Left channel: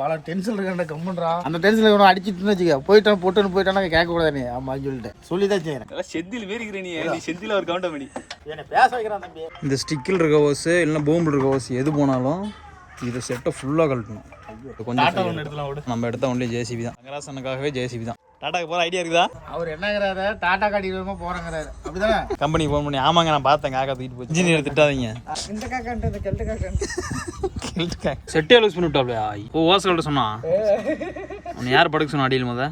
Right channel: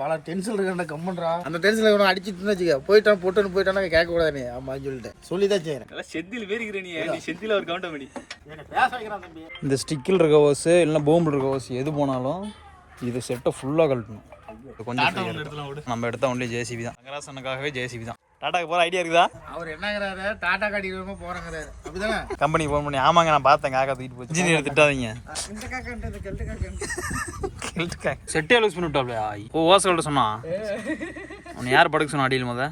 பல டென்ஷன் இருக்க கம்மன்றா அந்த டென்ஷன் அடிச்சுட்டு வச்சுக்க போயிட்டான் போட்டுன்னு போயிட்டானா கேட்க கூடாது நீ ஆமா சொல்லிதான் செய்யறேன் செந்தில் வேறுகிறேன் நீ செந்தில் ஒரு கவுண்ட் பண்ணி என்ன பேச வைக்கிறான் தம்பி. இந்த ஸ்டிக்கில் இருக்க ஓஸ் இல்லைன்னா பூம்பில் இருக்க ஓஸ் எது போனாலும் இதை செட்டை ஃபுல்லாக கழட்டணும். கொஞ்சம் நம்ம எடுத்த ஒன்லி ஜேசிபி தான். ரங்கராசனுக்காகவே ஜேசிபி தான். டாட்டாக்கு போகிற ஐடியா இருக்குதா? அவர் என்னங்கிறாரு டாட்டா காட்டி போறாங்கிறாரு அப்படிதானே. கம்பெனிக்கு ஃபோன் பண்ணி ஆமாங்க நான் பார்த்தேன் காக்கா தூக்கிட்டு போச்சு இன்ஜினியர் திட்டாதீங்க. இந்த காக்கான்றது கெல்ட்டு காக்கா செட்டே லூஸ் பண்ணி விட்டாப்லையா? ஓஸ் கழட்ட சொன்னா உன்னை யார் படுக்க சொன்னா அடியில் முத?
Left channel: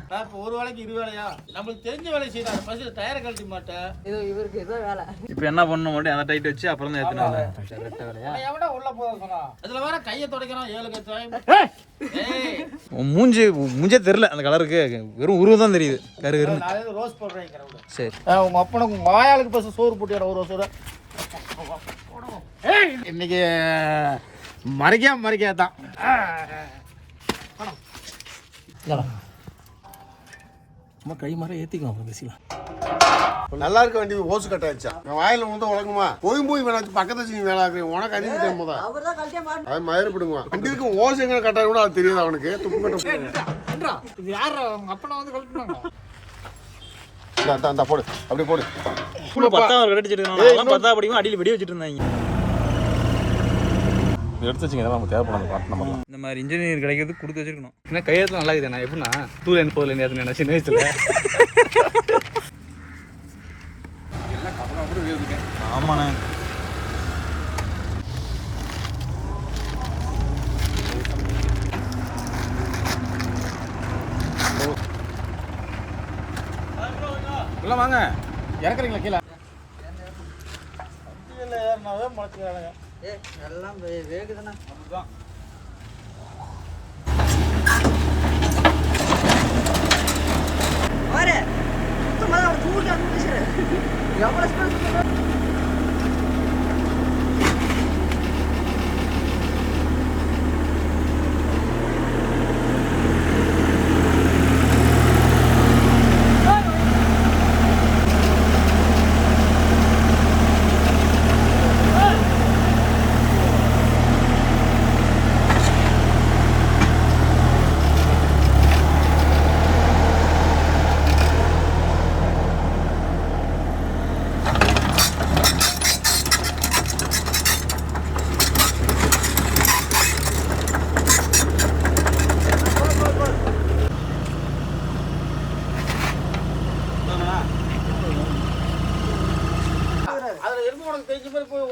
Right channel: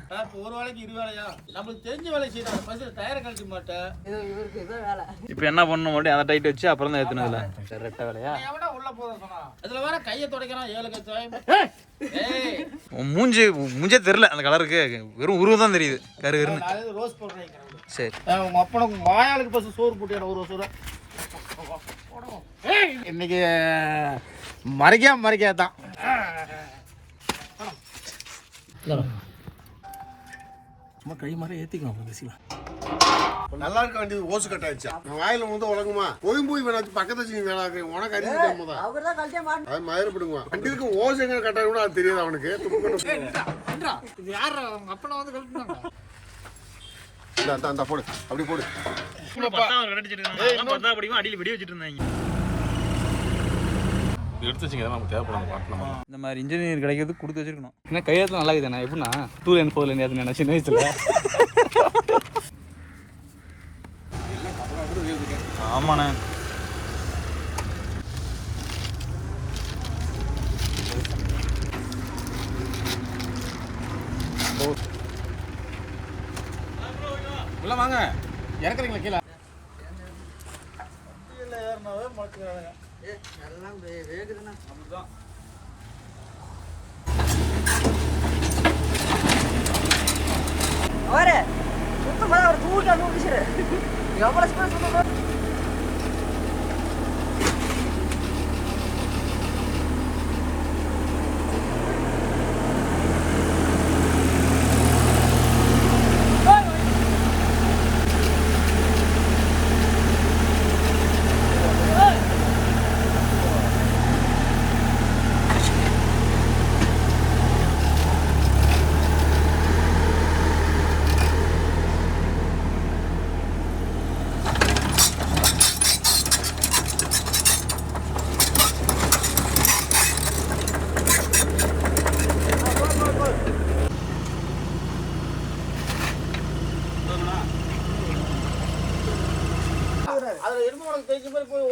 ஒரு வேலைக்கு 2 வேலையா நம்மளுக்கு தெரிஞ்ச வேலை செய்யறாரு. ஃபர்ஸ்ட் டயரை கழட்டி மாட்டேன். இது இவருக்கு ஏதோ வேலை. இப்போ என்ன பண்ணணும் மட்டும் அந்த டைட் வச்சு அப்புறம் தான் ஏத்துனதுல ரெட்ட வேலையா? எவனா உள்ள போக சொன்னா அதுல வேற கையை துடைக்கிறான் 7 கை. மூஞ்சே தெரியல அந்த கலருக்கு, வெறும் உருவம் தான் தெரியுது கரு கருன்னு. ரோஸ் போடுறேன். சரி உங்க அப்பனுக்கு உங்க வாயாளுக்கு பஸ் சோறு போட்டியாட ஒரு சோறு இன்னைக்கு மறைக்கா தான். கை மாதிரி ஏத்திக்கலாம் பேசிக்கலாம். நல்லா இருக்க வேண்டியது ஓசு கட்டாச்சா வாயில வந்து உலகமா போய் வேணாச்சு பக்கத்து வச்சு நீ வேலை ஆகுறேன் உனக்கு அதிகம் போதா அது மயிர்படுங்க வண்டிக்கு ஓசு எங்க கட்டாய கூட அது தெரியாது அவனுக்கு துப்பு கட்ட. இது யாரு உங்க அப்பனை வந்து கழட்டுனாங்க? போடு அப்படி போடு. 10வது அடிச்சிட்டு இருந்தாங்க. 10வது படிக்கும் அடியில் வெடி வச்சுட்டு இருந்தாங்க. எடுத்து வச்சுங்க நமக்கு தேவைப்படாத பாட்டு நம்ம இந்த மாதிரி இன்ஜினியர் கிடைக்கிறது கொடுத்து வச்சிருக்கணும். இன்னும் கையெழுத்து நல்லா இருக்குதுண்ணா. எப்படின்னா டூர் என்ன போதில் என்ன சின்ன வயசுல ஆமாண்ணே. உள்ள வாங்க இறக்குறீங்களா கீழே? எல்லாம் வேகுதுன்னா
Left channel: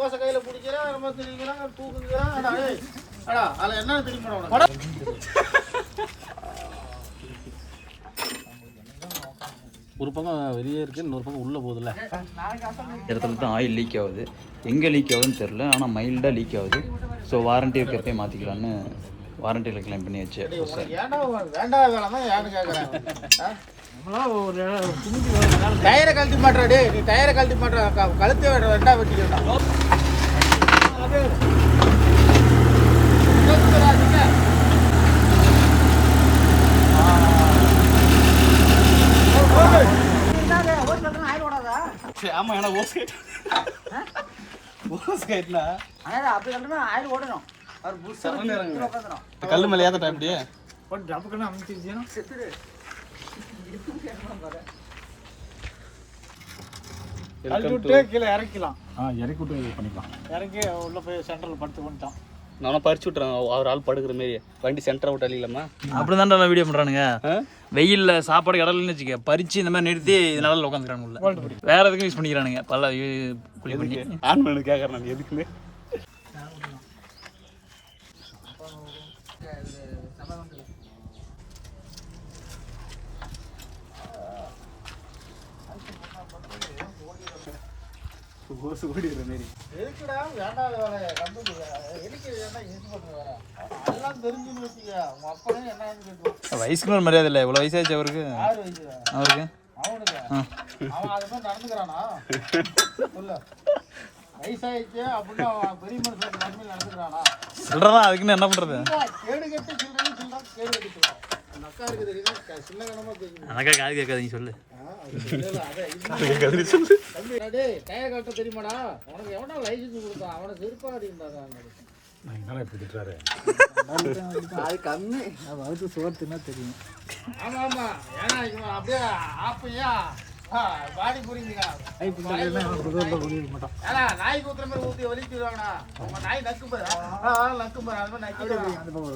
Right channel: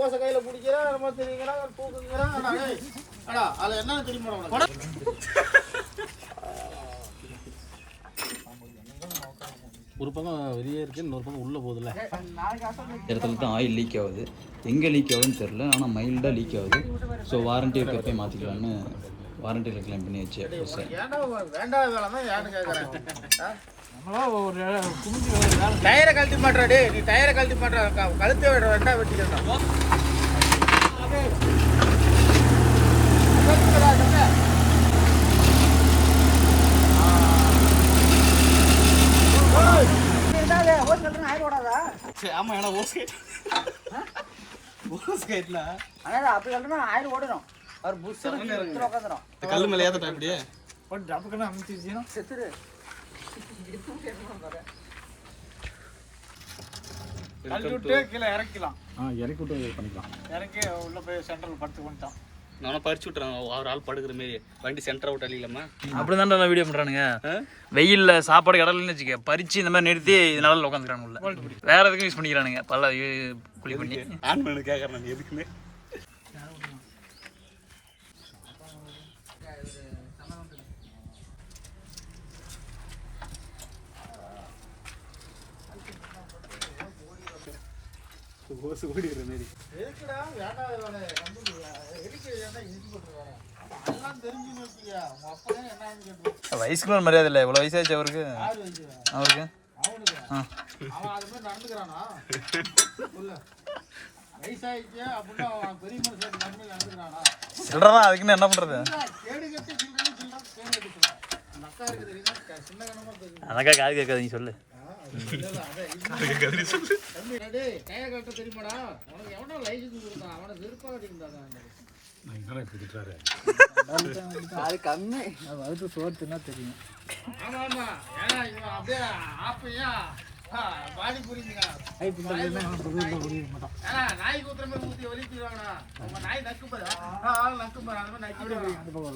ஓசை கையில பிடிக்கிறா நம்ம தெரியுங்களா தூக்குங்கிறா அதுல என்ன தெரியுமா உனக்கு? ஒரு பக்கம் வெளியே இருக்கு, இன்னொரு பக்கம் உள்ள போகுதுல்ல. இடத்துல தான் ஆயில் லீக் ஆகுது. எங்கே லீக் ஆகுதுன்னு தெரில, ஆனால் மைல்டாக லீக் ஆகுது. ஸோ வாரண்ட்டி இருக்கிறப்பே மாற்றிக்கலான்னு வாரண்டியில் கிளைம் பண்ணி வச்சு வேண்டாம் வேலை தான் யாரு கேட்குறேன். டயரை கழட்டி மாட்டாடே நீ டயரை கழட்டி மாட்டா கழுத்தை ரெண்டா வெட்டிக்கணும். ஆமா ஏன்னா கல்லு மேல ஏத்தட்டா இப்படி கீழே இறக்கலாம். இறக்கி விட்டு பண்ணிக்கலாம். இறக்கி உள்ள போய் சென்டரில் படுத்து கொண்டுட்டான். நானும் பறிச்சு விட்டுறேன் அவர் ஆள் படுக்கிற மாரி வண்டி சென்டரை விட்டு அழிக்கலாமா? அப்படி தான் வீடியோ பண்ணுறானுங்க. வெயிலில் சாப்பாடு கடல்னு வச்சுக்க பறிச்சு இந்த மாதிரி நிறுத்தி இதனால உட்காந்துக்கிறானுங்க. வேற எதுக்கும் யூஸ் பண்ணிக்கிறானுங்க. பல்ல குழி பண்ணி ஆன் பண்ணி கேட்குறேன் நான் எதுக்குன்னு. வயசுக்கு ஒரு மரியாதை இல்லை. இவ்வளோ வயசாச்சு அவருக்கு. அவருக்கு சொல்றதான் அதுக்குன்னு என்ன பண்றது? அக்கா இருக்குது தெரியுமா? சின்ன கணமா தெரியும். அனக்கா காது கேட்காதீங்க சொல்லு. டேய் டயர் கட்ட தெரியுமாடா? உனக்கு எவனோ லைசன்ஸ் கொடுத்தான்? அவனை வெறுப்பாதீங்கடா. அது கண்ணு அது சோத்துனா தெரியும். ஆமா ஆமா. ஏன்னா இவன் அப்படியே ஆப்பையா பாடி புரியுங்க. நாய் ஊத்துற மாதிரி ஊத்தி வலிச்சுடுவாங்கண்ணா. உங்க நாய் நக்கு பாரு. நக்கு பாரு. அது மாதிரி நக்கி அந்த பக்கம்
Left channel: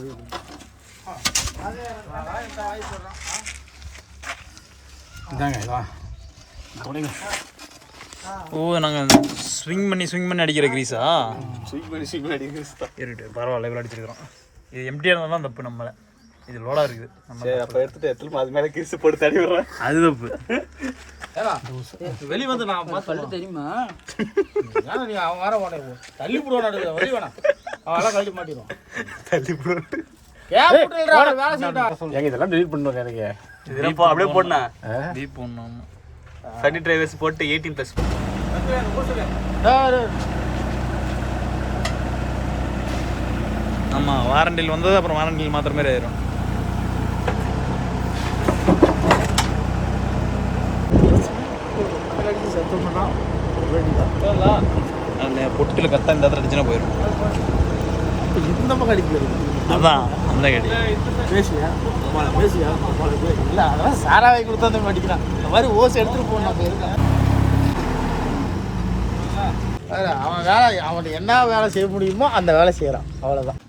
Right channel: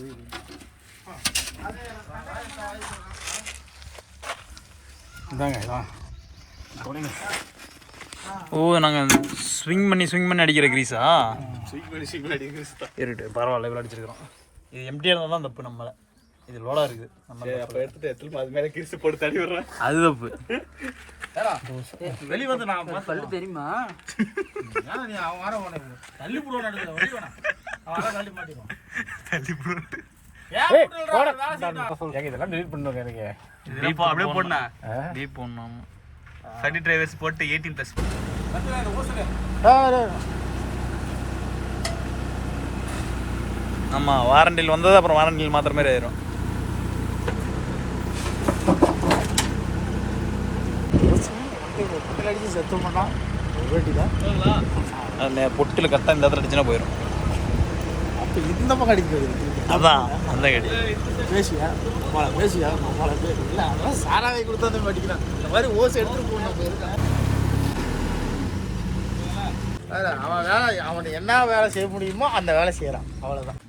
ஓ நாங்கள் ஸ்விங் பண்ணி அடிக்கிற கிரீஸா? இருட்டு பரவாயில்ல இவ்வளோ அடிச்சிருக்கிறோம். இது எம்டியாக இருந்தால் தான் தப்பு நம்மளை. இது லோடாக இருக்குது நம்ம அப்போ எடுத்துட்டு அது மேலே கிரிசு போட்டு தடி விடுறேன். அது தப்பு. வெளி வந்து நான் சொல்லு தெரியுமா? நீ அவன் வர உனக்கு தள்ளி போடுவான். வெளி வேணாம் அவன் கழட்டி மாட்டிடுவான். இதெல்லாம் delete பண்ணுவாங்க எனக்கு. அப்படியே போடணும். டீப் போடணும். 30 டிரைவர்ஸ் போட்டு 18+. ஆமாம் வாரண்டியில் வந்தது அப்புறம் வாரண்டியில் மாத்திர மாதிரி ஆயிரும். அதில் பொட்டில் கரெக்டாக இந்த இடத்துல அடிச்சுன்னா போயிடும். இந்த பக்கம் அடிக்க அதான் அந்த கடி பேசியா இல்லை அதெல்லாம் சாராவை கொடுத்து வந்து மாட்டிக்கிறான். இந்த மாதிரி ஓசை எடுத்துட்டு போனா போயிருக்கேன். அவன் வேலை அவன் என்ன வேலை செய்ய முடியுமோ அந்த வேலை செய்யறான். அவ்வளோதான்.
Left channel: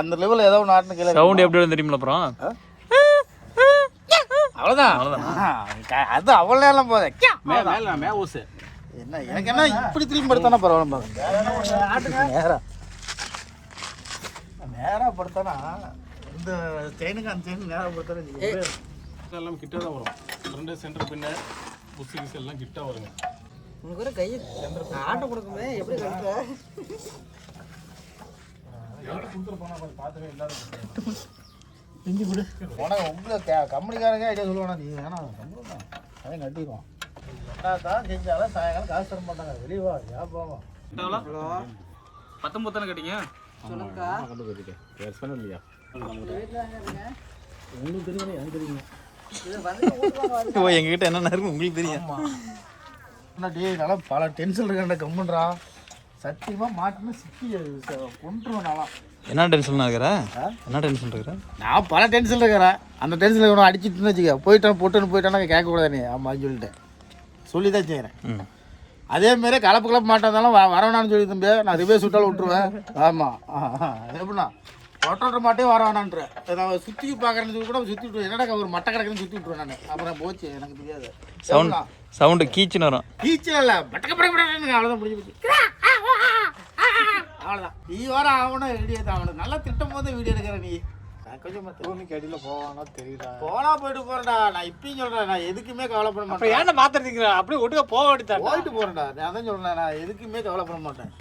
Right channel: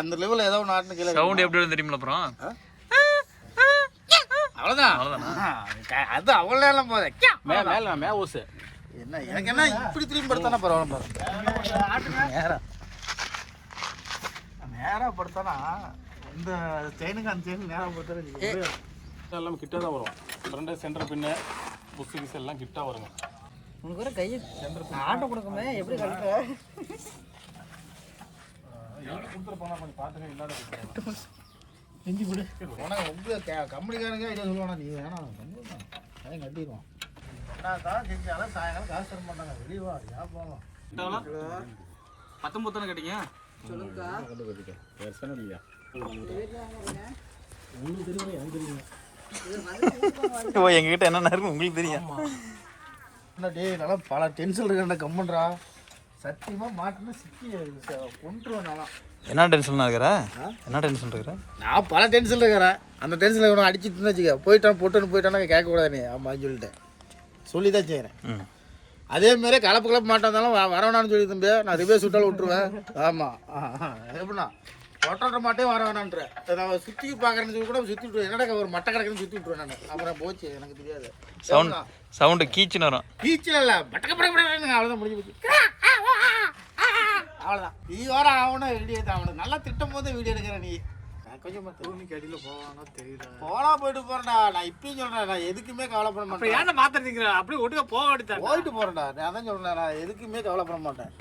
அந்த லெவல் ஏதோ நாட்டு கீழே சவுண்ட் எப்படி வரும் தெரியுமில்ல? அப்புறம் அவ்வளோதான். அவ்வளோதானா? அது அவ்வளோ நேரம் போதே மே ஓசு என்ன எனக்கு என்ன இப்படி திரும்பி படுத்தானா பரவாயில்ல. நேராக படுத்தானா இந்த செயினுக்கு அந்த செயின் நேராக படுத்தானே எல்லாம் கிட்ட தான் வரும். ஃப்ரண்ட் சென்டர் பின்ன புக்ஸ் கிஸ் எல்லாம் கிட்ட வருங்க. உங்களுக்கு ஒரு கையை ஆட்டோ கொடுக்குமே எப்படி கரெக்டா கொடுத்துட்டு போனால் கொஞ்சம் பார்த்துட்டு எல்லாரும் கொடுத்துருவாங்க. செஞ்சு கொடு. உனக்கு உங்களுக்கு கம்பெனிக்காரங்க ஐடியா சொல்லுவானா? நீ வேணா அதையும் கட்டிடுவோம். தான் செஞ்சாலும் சாயங்காலம் காசு தர மாட்டாங்க. வெளியவா ஞாபகம் 19 தானே கேட்டீங்க? சொல்லுங்கக்கா. இல்லையா உங்களுக்கு தெரியும் எனக்கு தெரியும். ஓ எங்ககிட்ட என்னென்ன இருக்கு உங்களுக்கு தெரியும். என்ன டேய் நல்லா பல டென்ஷன் இருக்காண்ட கம்மன்றா. சத்தியமாக மாட்டினா சிக்கி கொண்டுருவேன் நாளாம். என்ன டென்ஷன் இருக்கிற? என்ன டென்ஷன் இருக்கிற? நான் பல டென்ஷன் இருக்கிறேன். அந்த டென்ஷனில் இவனை அடிச்சுட்டுன்னு வச்சுக்க போயிட்டான் பொட்டுன்னு போயிட்டானா கேட்கக்கூடாது நீ. ஆமாம் சொல்லி தான் செய்கிறேன். அதேமாரி கலப்பு மாட்டாந்தாலும் வரவேணான்னு சொல்லி தம்பி நான் ரிவே சுட்டாலும் விட்டுருவேன். ஆமாம் எப்படின்னா ஒட்டோட்ட மாட்டே வர வேணான்ற நான் சுற்றி பார்க்குறேன்னு சொல்லி கூட சுற்றி விட்டுருவேன். என்னடா ஒரு மட்டை கிடக்குன்னு சுற்றி விட்டுருவேன் நான். அப்புறம் போச்சு எனக்கு தெரியாது. சவுண்டு கீச்சுன்னு வரும். கீச்சில் இல்லை பட்டக்க படக்க அவ்வளோதான் முடிஞ்சு. அவ்வளோதான். நீ வர ஆகணும் வீடியோ தான். அவனுக்கு நல்லா திட்டம் போது வீடியோ எடுக்கிற நீ. கொஞ்சம் தூணிக்கு அடியில் போவானா தெரியல. போலாம் போயிட்டு போகிறேன்டா. நான் இப்பயும் சொல்கிறேன் நான் எதுக்குமே கவலைப்பட மாட்டேன். ஏன்னா மாத்திரத்தீங்கிறேன் அப்படியே ஒட்டுக்க போக வேண்டியதான். போயிட்டு போகிறேன்டா. நான் தான் சொல்கிறேன் நான் எதுக்குமே கவலைப்பட மாட்டேன்.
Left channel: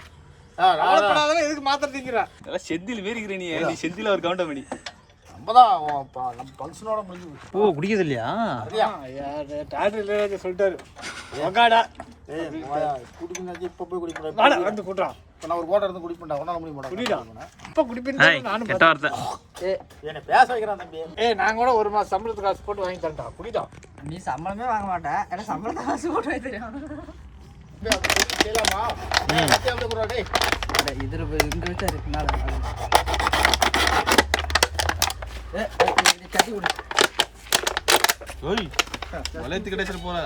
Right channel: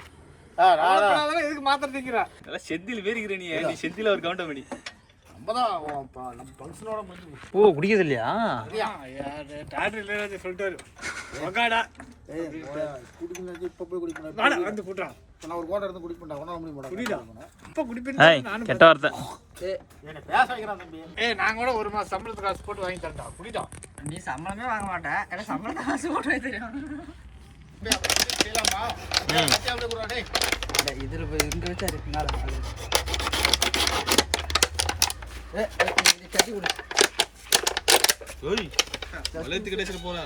எதுக்கு மாத்திரத்தீங்கிறேன்? செந்தில் வேறிக்கிற நீ செந்தில் ஒரு கவுண்டம் பண்ணி நம்ம தான் நம்ம ஃபங்க்ஷனோட முடிஞ்சு. ஓ குடிக்கிறது இல்லையா? டாக்டர் சொல்லிட்டாரு மகாடா குடிக்கணும். இப்போ போய் குடிப்பேன் வந்து கூட்டான். இப்போ நான் ஒரு கோட்டை இருந்து குடிப்பேன்டா. ஒன்றால் முடிய மாட்டேன். குடிடா இப்போ குடிப்பேன். நானும் கெட்ட வார்த்தை. என்னை பேச வைக்கிறான் தம்பி. நாங்கள் கூட ஒரு மாதம் சம்பளத்துக்கு காசு போட்டு வாங்கி தரேன்டா குடிடா. நீ சம்பளமே வாங்க மாட்டேன். ஏன்னா சம்பளத்தை காசு போட்டு வாங்கி தெரியும். செய்யலாமா? இதில் இருக்கு இருக்குனால கட்டி கொடு. வளையத்து கிடைச்சிட்டு போறா.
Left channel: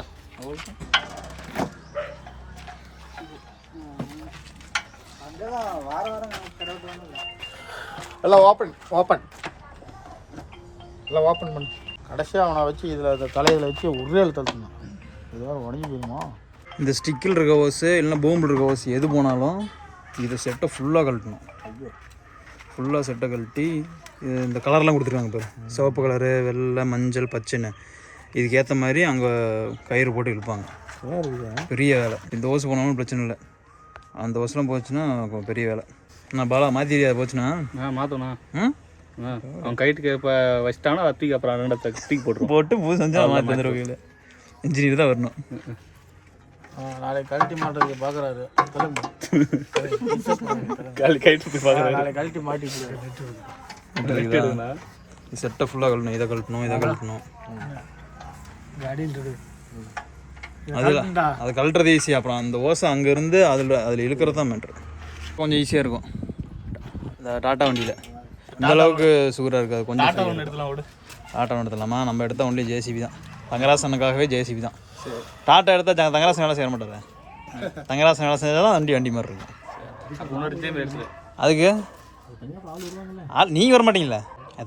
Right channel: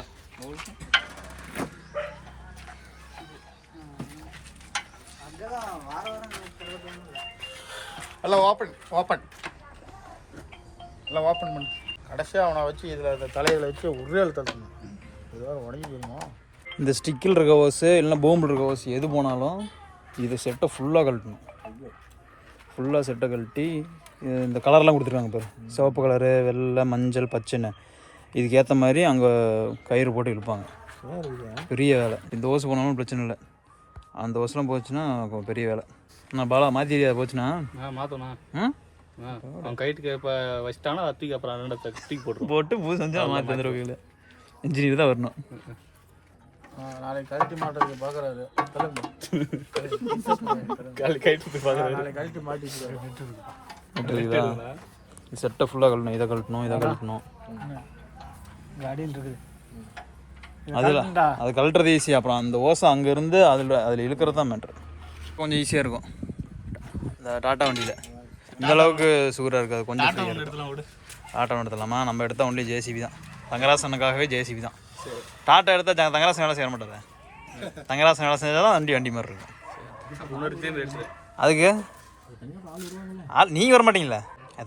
எல்லாம் ஓப்பன் எல்லாம் ஓப்பன் பண்ணு. கடைசியாக அவனை வச்சு இதில் தலையில் வச்சு உருளையில் தள்ளணும். இதுவாக உடஞ்சி போயிடுமா? இந்த ஸ்டிக்கில் இருக்க ஓஸு இல்லைன்னா பூம்பில் இருக்க ஓஸு எது போனாலும் இதை செட்டை ஃபுல்லாக கழட்டணும். ஃபுல்லாக செட்டை கழட்டி இந்த கலர்லாம் கொடுத்துருக்காங்க பாரு. சிவப்பு கலரு, வெள்ளை, மஞ்சள், பச்சைன்னு இதுக்கேற்ற மாதிரி அங்கே கயிறு போட்டு இழுப்பாங்க. பெரிய வேலை. இந்த ஓசு போனாலும் பிரச்சனை இல்லை. அந்த ஓசெலாம் போச்சுன்னா பெரிய வேலை. நான் பாலா மாற்றி போச்சுன்னா மாற்றணும். அவன் கைட்டுக்கு இப்போ வச்சிட்டாங்கன்னா அத்திக்கு அப்புறம் ரெண்டு தூக்கி போட்டுருவோம். போட்டு பூ செஞ்சால் மாற்றி வந்துடுவாங்க. இன்ஜினியர் தான் வரணும். நாளைக்கு கழட்டி மாட்டுறதுக்கு பார்க்குறாரு. கைட்டுக்கு பார்க்குறாரு. நாளைக்கு கழட்டி இதுதான் செட்டை ஃபுல்லாக கழட்டணும். இதை கழட்டணும், இதை கழட்டணும். அடின்றது அதில் அது கழட்டுறது ஈஸி. அப்புறம் அந்த ஓசை அங்கேருந்து அதில் இழுக்கிறது தான் மேட்ரு. கொஞ்சம் ஈஸியாக இருக்கும் இந்த டாட்டா வண்டியில். இந்த அளவுக்கு சுகராக இருக்காது. கொஞ்சம் டாட்டா எடுத்துடலாமா? நம்ம எடுத்தால் ஒன்லி ஜேசிபி தான். தங்கராசனுக்காகவே ஜேசிபி தான். டாட்டா எடுத்தால் தங்கராசன் வேலை செய்ய மாட்டாரு. தங்கராசன் வேலை செஞ்சால் தான் வண்டி மாதிரி இருக்கும். அதுக்கு நீங்கள் வர மாட்டீங்களா?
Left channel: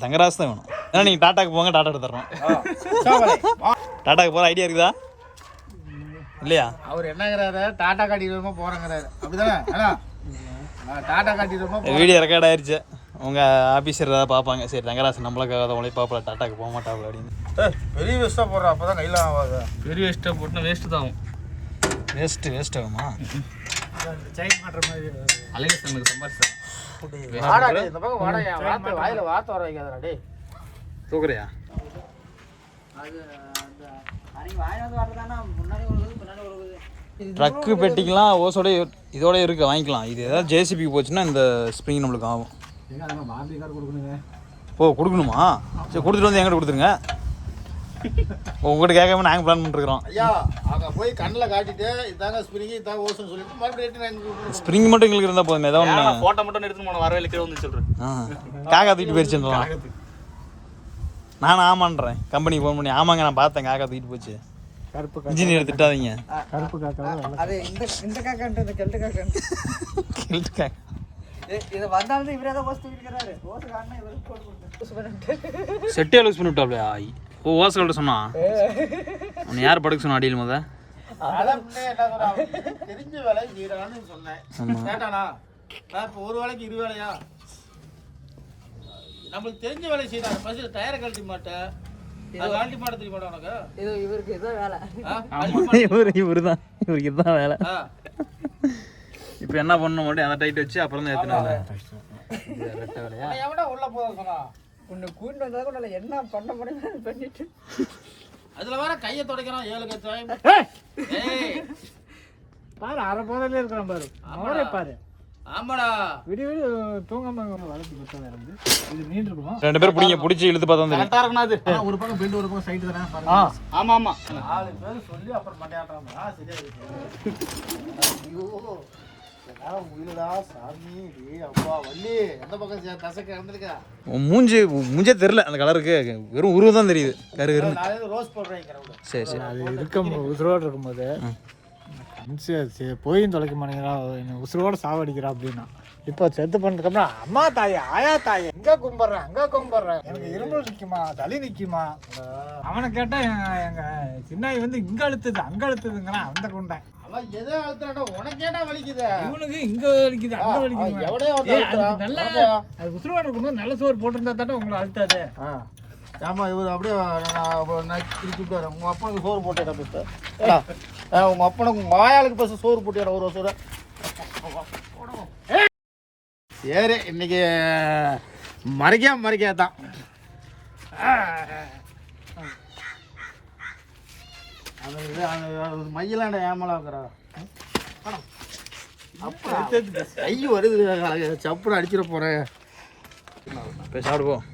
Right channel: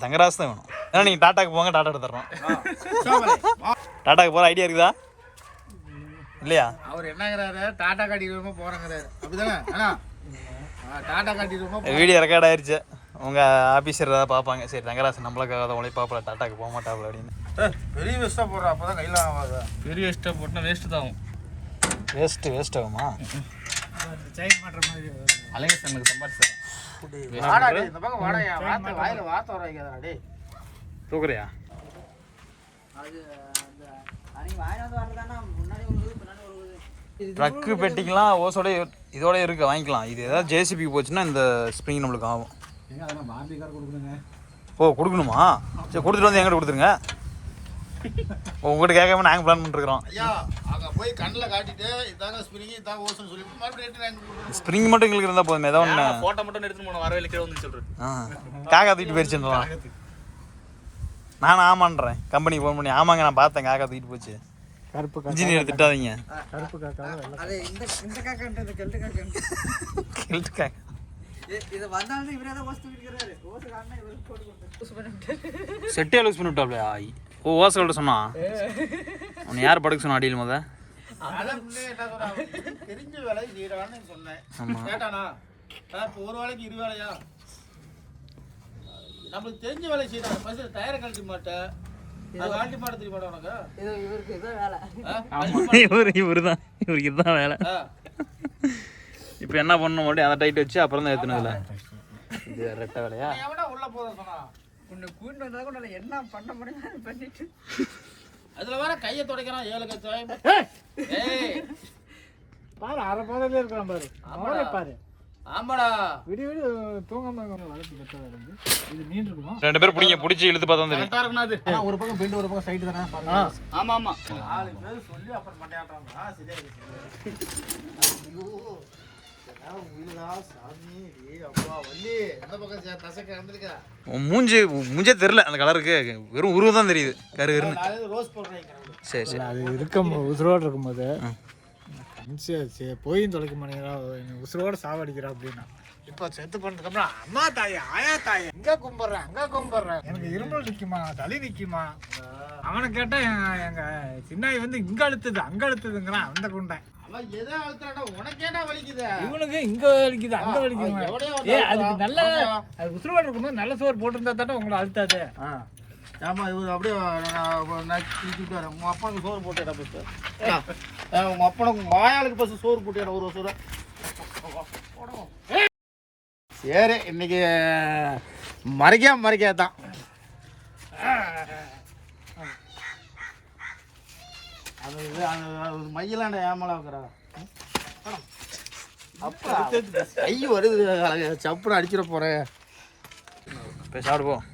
தங்கராசு தான் வேணும். ஏன்னா நீங்கள் டாட்டாக்கு போங்க, டாட்டா எடுத்துடுறோம். டாட்டாக்கு போகிற ஐடியா இருக்குதா இல்லையா? அவர் என்னங்கிறாரு, டாட்டா காட்டிடுவோமா போகிறேங்கிறாரு. அப்படிதானே? டாட்டா காட்டிடுவோமா. வீடியோ ரெக்கார்ட் ஆயிடுச்சு. உங்கள் ஆஃபீஸர் ஏதாவது பார்ப்பாங்க. சரி தங்கராசன் நம்மளுக்காக உழைப்பாப்பில் டாட்டாக்கு போக மாட்டாப்புல அப்படின்னு. பெரிய வேஸ்ட்டாக போடுறா, அப்போ தான் கையில் ஆகாது. பெரிய வேஸ்ட்டாக போட்டுனா வேஸ்ட்டு தான் ஆகும். வேஸ்ட் ஆகுமா? செயின் மாட்டுற மாதிரி அழகேசனுக்கு சம்பாதிச்சான். இந்த பக்கம் வாடகை வாயில் வார்த்தை வர வைக்காதடா டே. தூக்குறியா? ட்ரக்கு பெட்டிக்கலாம் ஓசோட இதோட இருக்கு, வாங்கிக்கலாம். இது ஏதாவது ஜேசிபிக்கு போச்சுன்னா இந்த ஸ்ப்ரிங் நம்மளுக்கு ஆகும். ஓ கொடுக்கணுமா? சரி கொடுத்துட்டு வந்து எங்கிட்ட கொடுத்துருங்க. உங்கள்கிட்ட கேட்காம நாங்கள் பிளான் பண்ணிருக்கிறோம். ஐயா அங்கே போய் கண்ணில் காட்டிட்டு இதாங்க ஸ்ப்ரிங் இதாங்க ஓசோன்னு சொல்லிட்டு மறுபடியும் ஸ்ப்ரிங் மட்டும் எங்களுக்கு இருந்தால் போதும். ஏதோ ஒன்று ஃபோட்டோ மட்டும் எடுத்துன்னு போன வரவேல கீழே வந்து சொல்கிறேன். காக்கா தூக்கிட்டு போயிடுச்சுன்றலாம். நானும் ஆமான்றேன். கம்பெனிக்கு ஃபோன் பண்ணி ஆமாங்க நான் பார்த்தேன் காக்கா தூக்கிட்டு போச்சு. இன்ஜினியர் திட்டாதீங்க. அது இந்த காக்கான்றது கெல்ட்டு காக்கா இது வந்தாலும் இவரே தான் ஓசை தூக்கிக்கிறாரு. ஓசை காரணம் இவருக்கு போட்டு செட்டே லூஸ் பண்ணி விட்டாப்லையா? ஓ ஓசைகள்ட்ட சொன்னா உன்னை யார் படுக்க சொன்னா அடியில் முத? தெரிஞ்ச வேலை செய்யறான்னு சொன்னேன். கேட்டானா இப்போ ஒரு வேலைக்கு 20 வேலையா? நம்மளுக்கு தெரிஞ்ச வேலை செய்யறாங்க. பஸ்ஸில் டயரை கழட்டி மாட்டேன், கழட்டி மாட்ட தெரிய மாட்டேன் உனக்கு. இது இவருக்கு ஏதோ வேலை. இவருக்கு இதுதான் வேலை. இப்போ என்ன பண்ணணும் மட்டும் அந்த டைட் வச்சு அப்புறம் தான் ஏற்றினதில்ல. இது ரெட்டை வேலையா? எவனா உள்ள போக சொன்னா உன்னை கூட்டு வந்தா கூட நான் என்ன பண்ண முடியுமோ பண்ணிட்டு அதுல வேற கையை துடைக்கிறான். 7 கச்சாயம். பாரு அரை போதிலே இருக்கிறான் பாரு. அவரே பாரு. ஆமாடா விடி விடி தூங்காம வளர்த்து பத்தா இருந்து இது நீண்டு இருக்குமா? 2 பேரும் பிடிச்சி இழுத்து பார்த்தா தெரியும். கரெக்டா இருக்கணும் அது. ஒரு பக்கம் பெண்ட் ஒரு பக்கம் சைடு தானே பாருங்க. ஆமா ஆமா. ஆளு பேர் சொல்லி அப்புறம் மண்டையாட்றாங்க. சரியா இருக்கு. ஐயோ உயிலடா சாமி டேய் அப்பா வள்ளி அந்த பக்கம் தசைக்கு நடந்துருக்கா. மூஞ்சே தெரியல அந்த கலருக்கு. வெறும் உருவம் தான் தெரியுது. கருன்னு நான் ரோஸ் போடுறேன். சரி சரி. அது இருக்கும் உசுரோடு இருக்கும்போது சரி போயும் தொலைக்க மாட்டேங்கிறா, உசுரோடு சாவடிக்கிறா அப்படின்னா. இப்போ செத்து பண்ணதுக்கப்புறம் அம்மா தாயே ஆயா தாயே எங்கே கும்பிட்றேன் அங்கே கும்பிட்றேன், எனக்கு இருமல் நிற்குமா சளி நிற்குமா. அவனை கேட்டால் எங்கள் சின்னாய் வந்து இங்கே அழுத்துது அங்கே அழுத்துதுங்கிறான் அந்த குண்டை. இவனுக்கு இங்க வலிக்குது அங்க வலிக்குது. அதுக்கு நல்ல அது உசுரோடு இருக்கும்போது நல்ல சோறு போட்டிருந்தா தானே உங்களை அழுத்தாது. ஆமா இவர் அப்படியே திருப்பிட்டாரு. உங்க அப்பாவுக்கு சோறு போட்டேன். உங்க அப்பனுக்கு உங்க ஆயாளுக்கு பஸ் சோறு போட்டேன் ஒரு சோறு. சரி இன்னைக்கு மறைக்காதான் அது மையிலாண்ட ஏமலா இருக்கிறா. கை வருது சப்புன்னு அடிச்சிட போறேன். சாப்பிடுவோம்.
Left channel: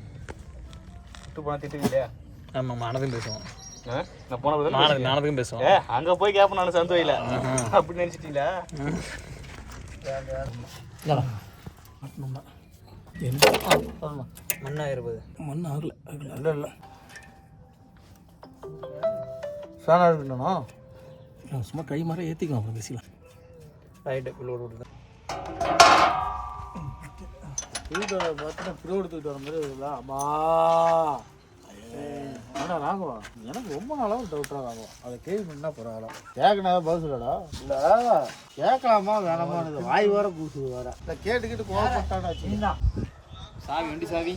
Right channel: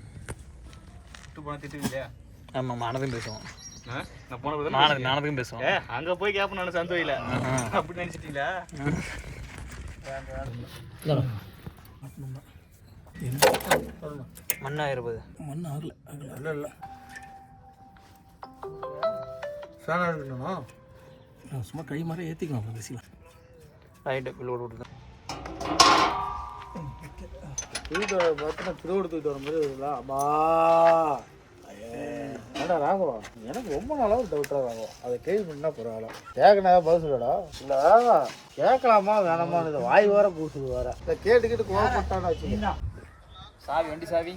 போனா திட்டுவீங்களா? ஆமாம் மானதும் பேசுவோம். நான் போன நானதுக்கும் பேசுவோம். அங்க போய் கேப்ப நான் சந்து வைல அப்படி நினைச்சிட்டீங்களா? மண்ணா இருப்பது மண் ஆகல இல்லை ஃபேனாக இருக்கணும்னா சும்மா கை மாதிரி ஏற்றிக்கலாம். அப்புறம் பேசிக்கலாம். ரைட்டு பில்லோடு விட்டுதான் புது எடுத்துக்கிட்டு வர மாதிரி இருக்குங்களா? அம்மா ஏடா ராகவா எனக்கு ரொம்ப நாளாக டவுட்டாக ராகும். அதை கேள்வி பண்ணா பரவாயில்ல. கேட்கணா பஸ்லடா இல்லை கேட்கலாமா வேணாமா வாய் வேற கூசுது வேற. இதை கேட்டுக்கிட்டு கோவப்பட்டான்னு வச்சுக்கோங்க. சாவி வண்டி சாவி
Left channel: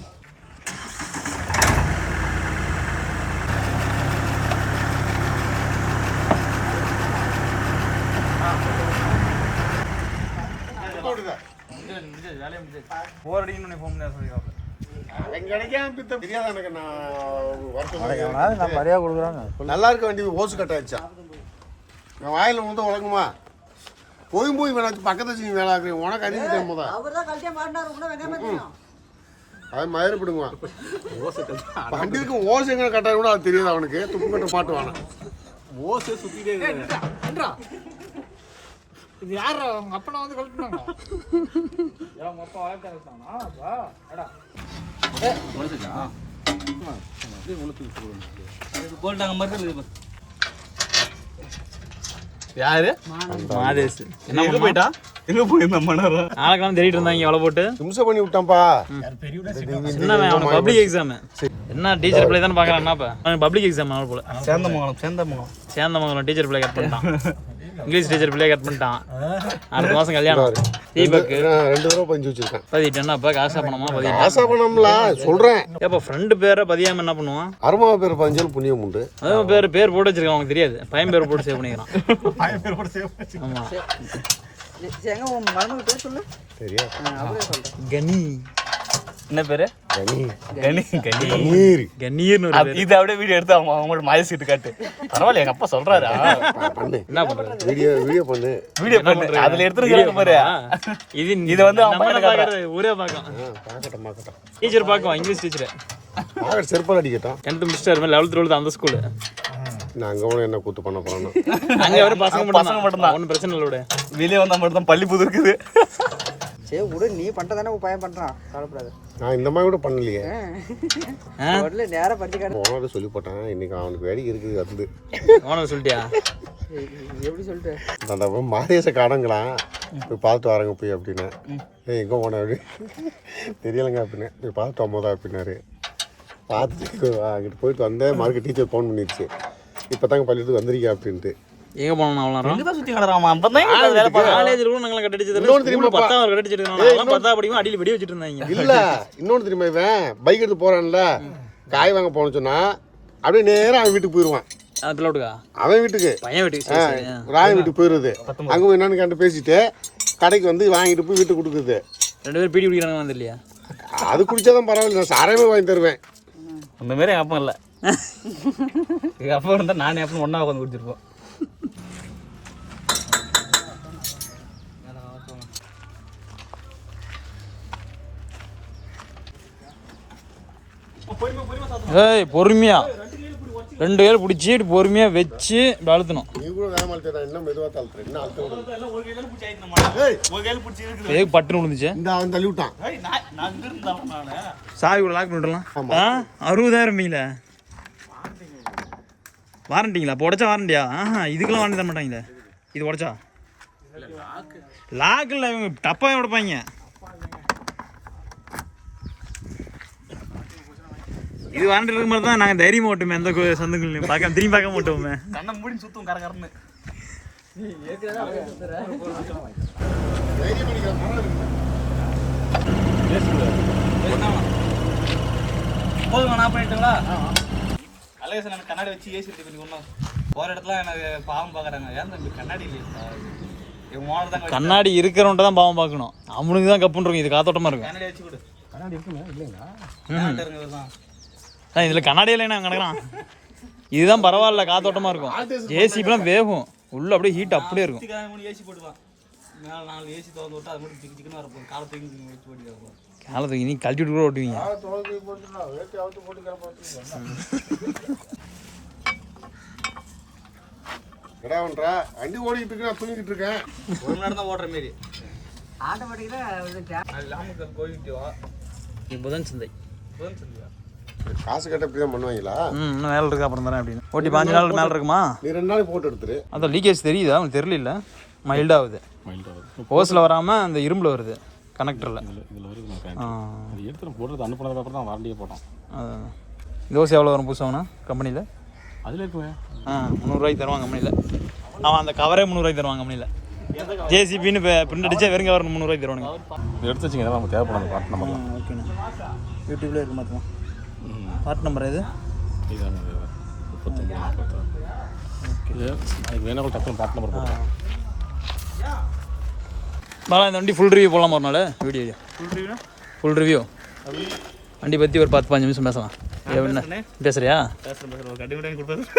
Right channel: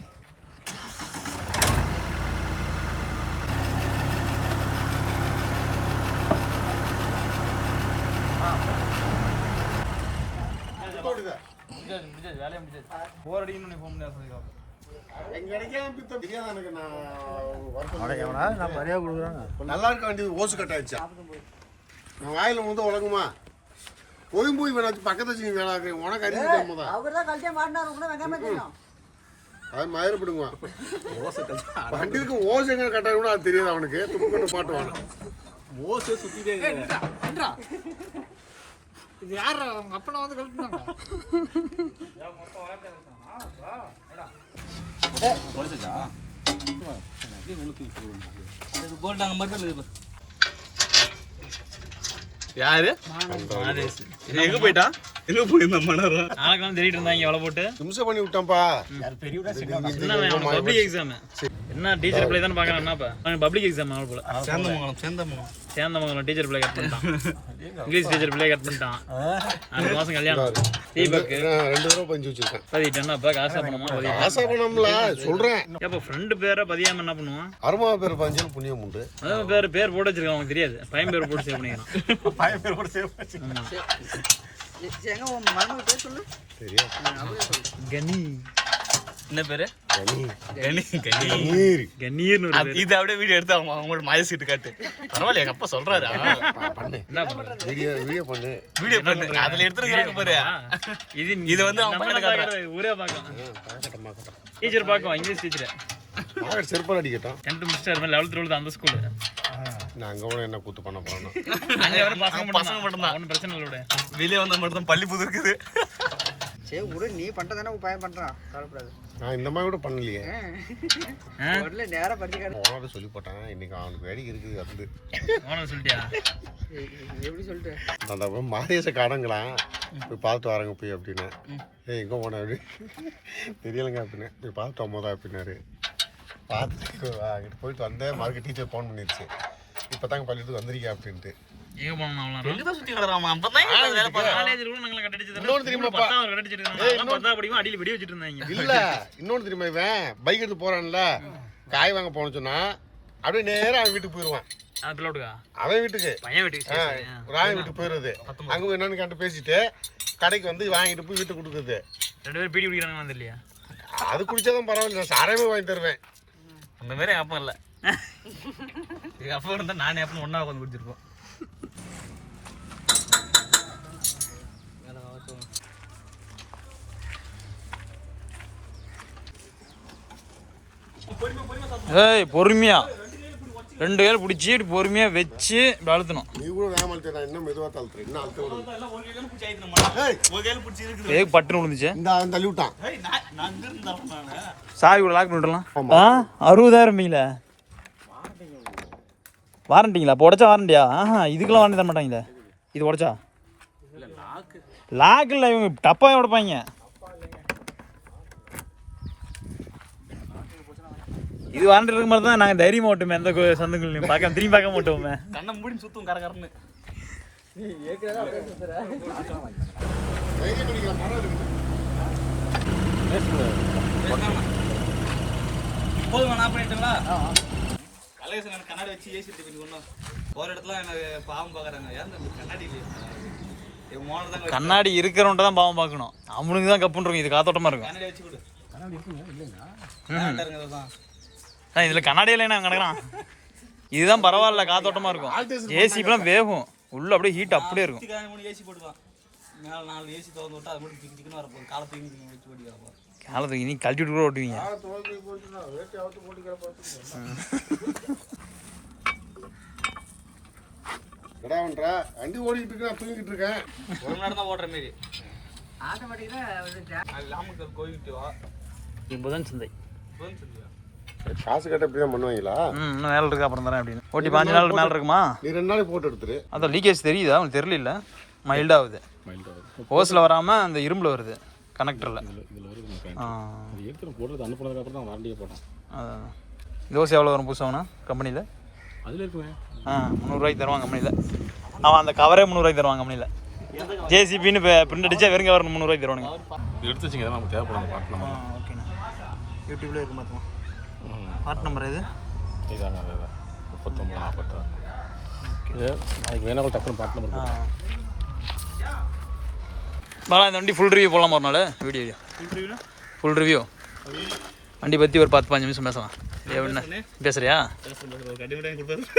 வேலையை முடிஞ்சது. 4 அடிக்கணும்னு ஃபோன் பண்ணி சொல்லிடுவாங்க. அவன் கிடைக்காம பித்த தெரியாத எனக்கு நான் வருத்தம். எவனாவது நான் மரியாதை கொடுக்குறாங்க. நல்லா இருக்க வண்டி ஓசு கட்டாயிடுச்சா என் வாயில் வந்து உலகுமா போய் வேணாச்சு பக்கத்து வச்சு நீ வேலை ஆகுறேன் உனக்கு அறிஞ்சிட்டேன் போதா அவர்தான் கழட்டியா மாட்டினாரு உள்ள வெங்காயமே தெரியும். அது மயிரப்படுங்க வண்டிக்கு ஓசை எங்க கட்டாயம் கூட அது தெரியாது அவனுக்கு துப்பு கட்ட மாட்டுவான் ஓசை சுத்திட்டே இருக்கு. என்றா இது யார் உங்க அப்பனை வந்து கழட்டினாங்க? போட்டாங்க மாதிரி யாரு மாதேஷ் எங்க போயிட்டா எங்க போயிருந்தான் மணரம் ஆளுக்கெல்லாம் தேடிட்டு இருந்தாங்க எவ்வளோ போட்டு நிமிஷம் பண்ணி விட்டான்ப்பா என்ன அவனுக்கு பப்ளிக் எக்ஸாம் என்ன டீச்சர் பிள்ளை தானே பார்க்குறான் என்னப்பா அவனுக்கு பப்ளிக் எக்ஸாம் அவள் போல சேந்தமங்கலம் டீச்சர் பிள்ளை கட் பண்ணிட்டான் இங்கிலீஷ் டீச்சர் பிள்ளைய கட் பண்ணிட்டான். அடுத்த மாதம் கல்யாணம். தீபக் 2 தடவை பஞ்சு வச்சிருக்கேன். பதிட்டேன்னாப்பா காசா பணமா பதிட்டு ஆசா பண்ணம்ல சொல்றேன். ஏப்பா ஃப்ரெண்டு பேரை பதியாம என்ன பண்ணுவான்? அருமா பேர் பஞ்சல் புண்ணியம் உண்டு. அது பேர் போட்டு வச்சிருக்கான், அவனுக்கு தெரியாது. பையன் பேர் போட்டு சேவ் பண்ணிக்கிறான். பையன் பேர் போட்டு சேவ் பண்ணி. ஆமா. எங்க உன் மறந்து பேர் சொல்லு. சரியா? கனி. என்ன பேரு? கனி. கனி கணீர். கணீர்னு ஒரு பேர். இது அப்படியே வீடியோ எடுத்து அவங்களோட மாய சீட்டு காட்டு. பரவாயில்ல, எங்க அப்பா சொல்றாரு. பண்ணு. என்ன பண்றது? வீடியோ பண்ணு. வீடியோ பண்ணு. அதுல எடுத்துருக்காங்க பாரு. இது வந்து நம்ம பாக்குறது ஊரே பாக்கும். மாக்கட்டும். டீச்சர் பாக்குவான், இங்கிலீஷ் டீச்சர். ஆகட் செருப்பால் அடிக்கட்டும். 10th முடிச்சிட்டாரு, 11th 12th அந்த ஸ்கூல். நான் அங்க கூட என்ன கூத்து பண்ண போறேன். அங்க வர பசங்க மட்டும் தான். ஒன்னும் பிரச்சனை இல்ல. வெளியே வந்தா மட்டும் தான் பள்ளி புது இருக்குது. சரி விடு, நீ பண்றதானே உன் பையன் பண்றான், கவலைப்படாத. நான் இந்த மாதிரி கூட பண்ணலையே. உடனே நேரா பத்தி காட்டு. ஓனருக்கு சொல்லி போட்டேன், இன்னைக்கு அவனுக்கு வேடிக்கை இருக்குது அது. ஓனர் சொல்லிட்டியா? எப்படி சொல்லிட்டு அந்த மாதேச காடங்களாம் போய் பார்த்துட்டு வரேங்க போய் அப்படின்னு. எங்கே போனேன் அப்படி தெரியலைங்க அப்படின்னு. போய் பார்த்துட்டு வரும்போதா அப்படின்னாரு. பார்த்துட்டு அங்கிட்டு போயிட்டு வந்தேன். மார்க்கெட் டீச்சர் ஃபோன் பண்ணிடுச்சு, இப்போ தாங்க பள்ளியத்துக்கு வந்திருக்கா அப்படின்ட்டு. எங்க போனோம் அவ்வளோ சுத்தி கிடறாமா. காலேஜில் கூட நாங்களை கட்டடிச்சது 10th கட்டடிச்சிருக்காங்க. 10th படிக்கும் அடியில் வெடி வச்சுட்டு இருந்தாங்க. இல்லை இன்னொன்று தெரியுமா, இவன் பைக் எடுத்து போகிறான்ல, காய் வாங்க போனோன்னு சொன்னா அப்படியே நேராக அவன் வீட்டுக்கு போயிடுவான். பிள்ளோட்டுக்கா அவன் வீட்டுக்கு, பையன் வீட்டுக்கு ராய் வீட்டுக்கு போயிடுறது. அங்கே போய் என்னன்னு கேட்டு பேசிட்டு கடைக்கு வந்து வாங்கிட்டு போய் வீட்டுக்கு கொடுக்குறது. 2 பேரும் பீடி பிடிக்கிறாங்க வந்து இல்லையா? அது குடிச்சாதான் பரவாயில்ல, நான் சாரமே வாங்கி தருவேன். அந்த மாதிரி எங்கள் அப்பா இல்லை. எங்கள் அப்பா இருந்தால் நானே அப்பா ஒன்றா உட்காந்து குடிச்சிருப்போம். ஏய் பொறுமையா 2 பேர் பிடிச்சி பொறுமையா வச்சு அழுத்தணும். நீ கூட வேகமாக அழுத்தா, இன்னும் மெதுவாக தள்ளுறேன். இன்னும் அழுத்த ஏய் பட்டுன்னு விழுந்துச்சு. இந்த அவன் தள்ளி விட்டான். சாவி கூட லாக் பண்ணிடலாம். 60,000 நீங்களே வாரண்டிங்களா? இப்போ உடச்சா வாரண்டியா? இதுக்கெல்லாம் வாரண்டி தர மாட்டாங்களே. இது உடச்சா லாக் இல்லை, இவங்க டப்பாக உடைப்பாங்க. இது வாரண்டி இருக்க மாதிரி தான் நாங்கள் தைரியமாக ஓட்டுமே. எந்த சந்துக்குள்ளையும் திரும்பி பார்க்க மாட்டோமே. கண்ணை மூடி சுத்தும் கரகரன்னு. போதுமா நான் பண்ணிட்டுங்களா? அழகேசன் எனக்கு கண்ணாடி வச்சு ஏசி எடுத்து ஒன்றா போகிற இடத்துல எனக்கு பாவம் பார்க்குறாங்க. ஏன் தம்பி கண்ணாடி இல்லையா? கண்ணாடி இருக்கிறவன்ட்ட தான் பாவம் பார்க்கணும். அவனுக்கு தான் கப்புன்னு இது காத்தோட்டமாக இருக்கும். கண்ணாடி வச்சு கொடு. கண்ணாடி இருக்குங்க இல்லைங்களா? இதில் கண்ணாடி இல்லைன்னா கிடக்குறான். இதுதான் பரவாயில்ல, காத்தோட்டமாக இருக்கும். ஏசிப்பெல்லாம் வேகும் உள்ள, அப்படியே ஹீட் அப்படியே இருக்கும். ஏசி போட்டுவான் மேலே 4 ஏசி திறந்து விட்டு அது மட்டும் திக்கு திக்குன்னு வரப்போகுது. காலத்துக்கு வச்சு ஓட்டி கிடப்போம். காலத்துக்கு இனி கழட்டி விட்டு கூட ஓட்டுவீங்க. கிடாவன்றா வண்டி ஓடிக்கிட்டு இருக்கேன், நான் தூங்கிட்டு இருக்கேன். 1 மணி நேரம் தான் ஓடுற மாரி. ஆட்டோமேட்டிக்கா அது லாமுக்கு கோயில்ட்டுவா புதன் சந்தை. புதன் சந்தியா காசு கட்ட இப்படி தான் பண்ணுவாங்களா? இன்னும் வேலை இருக்கு, அப்புறம் தரேன் அப்படின்னு. ஓட்டி 5 நாள் மேலே இருக்குமா? நீ 2 நாளைக்கு போட்டு எடுத்துரு. அதான் லீக்கேஜ் தெரியுதா? அவனுக்கு தெரியல. இல்லை மைல்டாகுது. ஓஸில் வராமல் அந்த இரும்பில் வருது, கனெக்டரில். எடுத்துகிட்டு போடுறது அனுப்புனதுக்கப்புறம் தான் வாரண்டியே போட்டோம். தோசை எவ்வளோ வரும் புதுசாகனா கம்பெனியில்? அதில் இருக்குங்க. 300 ரூபாய்க்கு தருவாங்க கம்பெனியில். அவன் அந்த கவரே 300 ரூபாய்க்கு தருவாங்க கம்பெனியில். ஜேசிபின்னு இப்போ பிரிண்ட் அடித்தா வெறும் கவர் 300 ரூபாய்க்கு தருவானுங்க. எடுத்து வச்சிங்க நமக்கு தேவைப்படும் பாட்டு நம்ம. ஓகேண்ணா. யூடியூப்ல இருக்கு மாற்றமா பாட்டு நம்பர் இது இதாங்க 39 ஓகே. வேணா டக்குனு பாட்டு நம்பர் போடுறேன். பாலா இந்த வண்டி ஃபுல் ரிவ்யூ போடலாமா ஒரு நாள்? வீடியோ ஃபுல் ரிவ்யூ வண்டி பற்றி ஒரு 10-15 நிமிஷம் பேசலாம். என்ன பேசுறியா?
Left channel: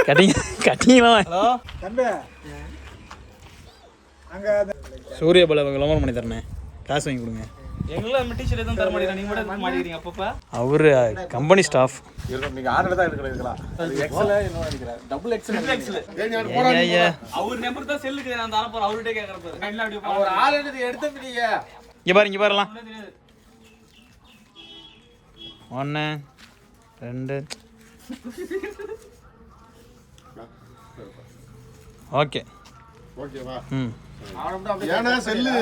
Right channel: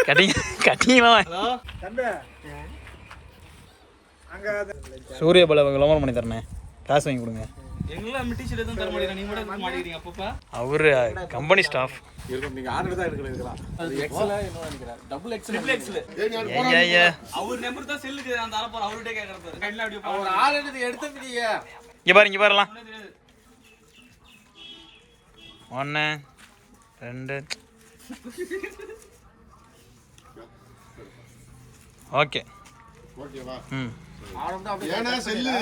கட்டிங் கட்டிங்களாம். ஹலோ தம்பி அங்கே சூரிய பல விளம்பரம் பண்ணி தரேன், காசு வாங்கி கொடுங்க. எங்களாம் நம்ம டீச்சர் எதுவும் தர மாட்டேங்கிறேன், நீங்க மட்டும் மாட்டிக்கிறீங்க அப்பப்ப. அவரு கம்பெனி ஸ்டாஃப். நீங்கள் ஆர்டர் தான் இருக்கலாம். எக்ஸல் என்ன நினைக்கிறேன், டபுள் எக்ஸல். அவர் நம்பர் தான் செல்லுக்கு நான் தர போறேன், அவர்கிட்ட கேட்கற பாரு. கண்ணில் அப்படியே ஒரு ஆள் எடுத்து முடியா இங்கே பாருலாம். 1 2 ஓகே. ஓகேவா? ம் ஏன்னா செல்லு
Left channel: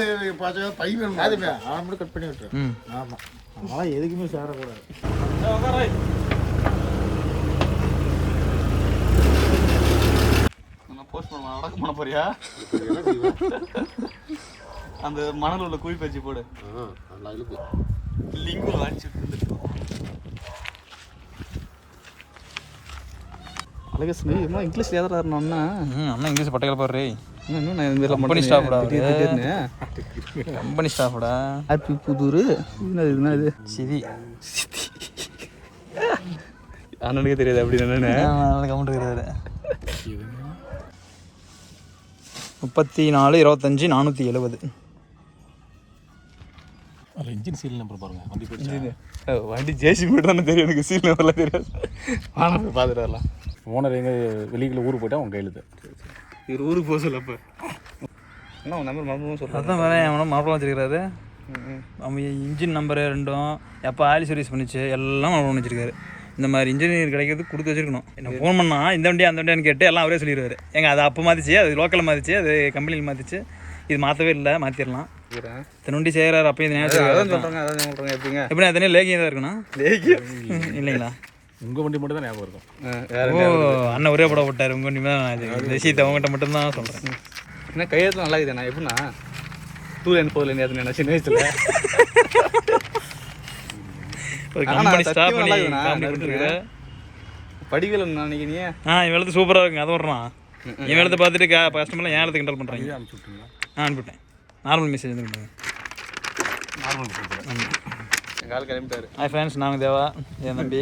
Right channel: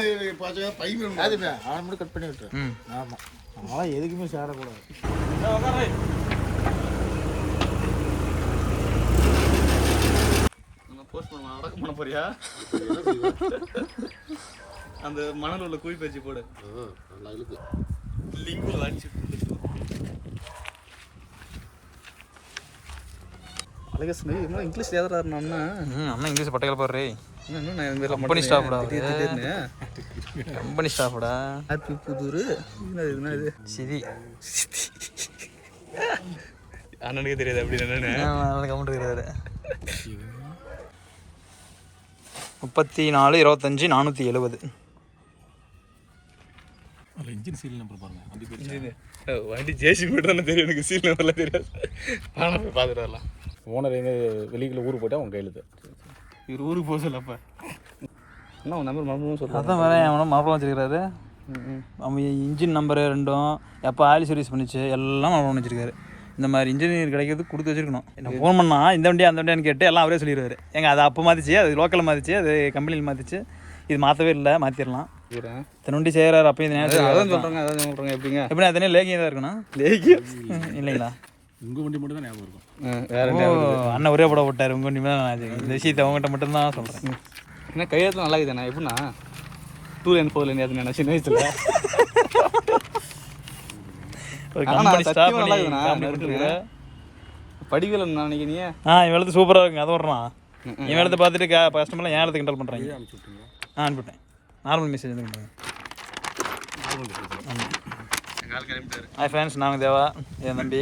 பார்த்தா பை வேணும். அதுமே அவனை மட்டும் கட் பண்ணி விட்டுரு. ம் ஆமாம், அவன் எதுக்குமே சேரக்கூடாது. நான் போஸ்ட் பண்ண அடக்கம் பண்ண போறியா? அந்த மணல் உள்ள குழி பச்சி போடு. நல்லா இருக்கு. லிங்க் வாட்சி வந்துட்டு அழகஸ்மி இம்மா இங்கிலீஷ் ஏதாவது அண்ணா அண்ணா இங்கிலீஷ் பட்டைகள் பாரு. இன்னும் நான் கம்பெனி ஸ்டாஃப்டா, கம்பெனி ஸ்டாஃப்டா. ஹாப்பி புதூர் இது சிவி அண்ணனுக்கு தெரியாது அப்படி என்னன்னு கமெண்ட் இருக்கிறாரு. 34 25 470. இன்ஜின் சீல் நம்பர் பாருங்க. வண்டி போயிடுச்சு. வண்டி ஜேசிபி தானே தெரியும், எனக்கு சீல் நம்பர்லாம் தெரியாது. ஆனால் போய் பார்த்துட்டு வரலாம். ஓனர் எங்கே வெளியில் ஊருக்கு போயிட்டா உங்கள் கையில் இவர் ஊருக்கு போக சொல்ல அப்போ என்ன நம்பர் மறந்து சொல்ல. அதான் வேற அவனும் மாப்பிளம் வச்சிருக்காரு. அவன் இன்ஜின் நம்பரு 2ம் எப்போ ஆயில் சர்வீஸ் பண்ணிச்சு எல்லாம் மாப்பிளம் வச்சிருக்காரு. இந்த மாதிரி இன்ஜினியர் கிடைக்கிறது கொடுத்து வச்சிருக்கணும். நான் ஃபோன் பண்ணால் இந்த வண்டியா அந்த வண்டியான்னு கேட்டு எல்லாம் அவரே சொல்லிடுவார். எங்க அது அப்போ மாற்றிச்சு, அது லோக்கலில் மாற்றிச்சு, அது கம்பெனியில் மாற்றிச்சு, இது மாற்றவே இல்லை, மாற்றிடலாம். இத்தனை வண்டி செய்கிறாரு. அப்போ இந்த நேரம் எப்படிங்க எப்படி அதனே லேகியம் தான் இருக்கணும். இல்லைங்களா? உங்கள் வண்டி மட்டும் தான் ஞாபகம் இருக்கும். ஓ அண்ணன் ஒரே படம் போட்டார். உங்கள் வண்டி தான் நான் இந்த விஷயத்தை அவங்ககிட்ட மட்டும்தான் சொல்கிறேன். என்ன கையெழுத்து நல்லா இருக்குதுண்ணா. எப்படின்னா 2 லைன் 4 லைன் அது நான் சின்ன வயசுல ஒரு கம்பெனி ஸ்டாப் பண்ணி காமெடி பண்ணிருக்கிற படிக்கல நினைக்கிறீங்க. இவன் எழுத்து சூப்பராக இருக்குங்க. அதை வர்றான். இவன் எழுத்து பார்த்துட்டு கஸ்டமர்லாம் ஏன் எழுத்து கிண்டல் பண்ணுறாங்க. அனுப்பிவிட்டேன். நார்மல் மெசேஜ் வந்து பண்ணுங்க. கால் கிளம்பிட்டாரு. ஹாய் ஃப்ரெண்ட்ஸ், நாங்கள் தேவா, என் தம்பி.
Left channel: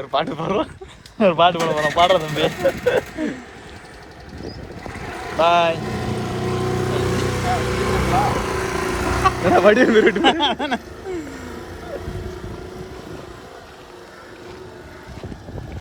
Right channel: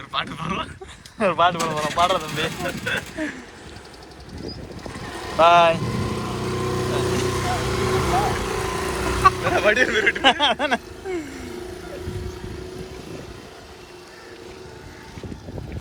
ஒரு பாட்டு பாடுறோம், ஒரு பாட்டு பாட போகிறோம். பாடுற தம்பி. பாய்.